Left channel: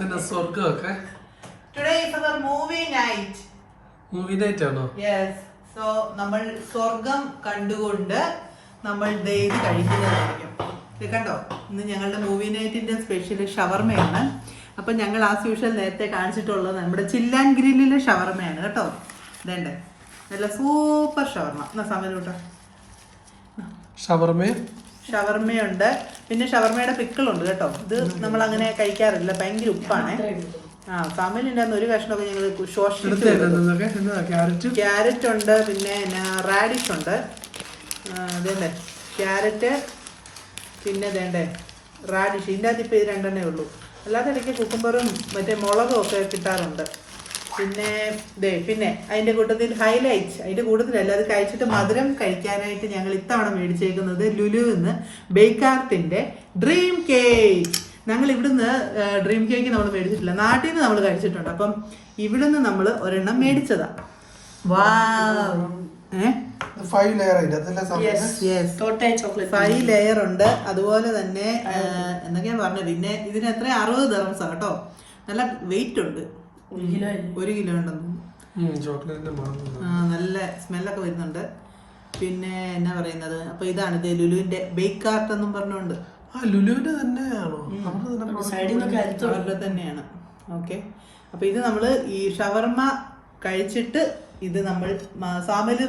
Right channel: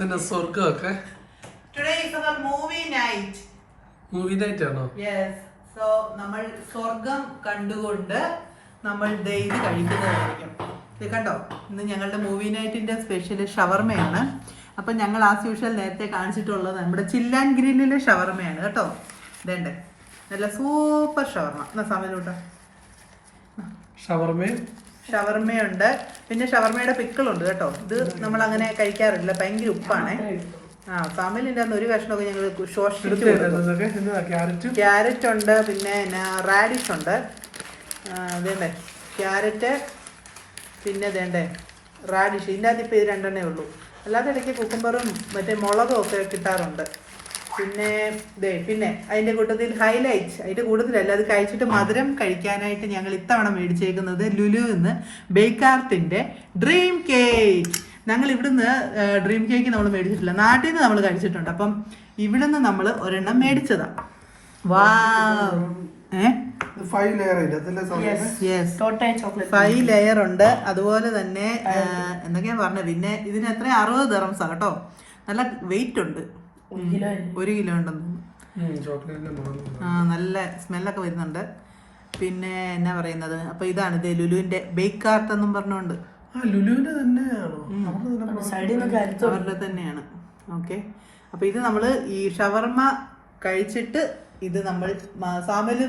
സ്വർഗമൊക്കെ. Today is our movie night. Movie night ആണോ? Yes. So നമ്മൾ സ്വർഗം കണ്ടുകൊണ്ട് നമ്മൾ ഇത് കഴിക്കുന്നതായിരിക്കും. ഇത് കണ്ടോ, ഇന്ന് ഞങ്ങളുടെ മൂവി നൈറ്റിന്റെ സ്പെഷ്യൽ ഷവർമയാണ്. അപ്പൊ ഞങ്ങൾ ആസ് യൂഷ്വൽ നേരത്തെ കാണിച്ചിട്ടുള്ളത് നമ്മുടെ ചില്ലാൻ ഗ്രില്ലിലെ ഷവർമയാണ് കേട്ടോ. ഇതേണ്ടേ നല്ല സൂപ്പർ ഷവർമ. എന്നാ സമയത്തോട്ടാ ഷവർമയുണ്ട്, പിന്നെ ഷവർമയുടെ പിക്കിളുണ്ട് കേട്ടോ. ഇത് നമ്മൾ അങ്ങനെ കഴിക്കാറില്ല, ഭയങ്കര ഉപ്പാണേ. ഫാമിലിന്റെ ഒരു കഷ്ണമൊക്കെ ഞങ്ങൾ ക്യാരറ്റ് ഉണ്ട്, പിന്നെ റാഡിഷ് ഉണ്ട്. ഇതേണ്ടേ ക്യാരറ്റ്, പിന്നെ ഇതേണ്ടേ റാഡിഷ്. ഇതിൻ്റെ അകത്ത് ഇപ്പോൾ ഇത് രണ്ടെണ്ണേ ഉള്ളൂ. അല്ലാതെ ഇടയ്ക്ക് കുക്കുംബറും മറ്റേ മുളകും ഒക്കെ കിട്ടാറുണ്ട്. പിന്നെ അതിൻ്റെ കൂട്ടത്തിൽ ഹൈലൈറ്റ്, അതിൻ്റെ കൂട്ടത്തിലല്ല, അത് കഴിച്ചിട്ട് മധുരം കഴിക്കാനായിട്ട് ഞങ്ങൾ ഇത്തവണ മേടിച്ചേക്കുന്നത് ലുലുവിന്ന് ബേക്കാർട്ടിൻ്റെ ഡ്രീം കേക്ക്. ഞങ്ങൾ ഇവിടുന്ന് ഡ്രീം കേക്ക് നമ്മൾ മേടിച്ചിട്ടില്ല, നാട്ടിൽ നിന്ന് നമ്മൾ കഴിച്ചിട്ടുണ്ട്. അപ്പം ഇവിടുന്ന് നമ്മൾ ഒരെണ്ണം മേടിച്ചതാണ്. 5 ലെയർ ഉണ്ട്. അതുപോലെ തന്നെ എന്തൊക്കെയാ പറഞ്ഞത്, പിന്നെ ഇതിന് എത്ര 60 ദിർഹംസ് ആണ് കേട്ടോ. നല്ല വെയിറ്റ് ഉണ്ട്, 1 കിലോ ഉണ്ടെന്ന്. നല്ല സ്മെല്ലൊക്കെ വരുന്നുണ്ട്. പിന്നെ എന്നാ പറയുന്നത്, അപ്പൊ ഇതാണ് ഇത് ലുലുവിന്റെ ബേക്ക് ആർട്ട് എന്നും പറഞ്ഞുകൊണ്ട്. ലുലുവിന്റെ തന്നെയാണോ? അവരുടെ തന്നെയാണ്. ഓക്കെ, അപ്പൊ ഇത് നമ്മള് ഈ ഷവർമ കഴിച്ചിട്ട് ഇത് നമ്മൾ സാമല്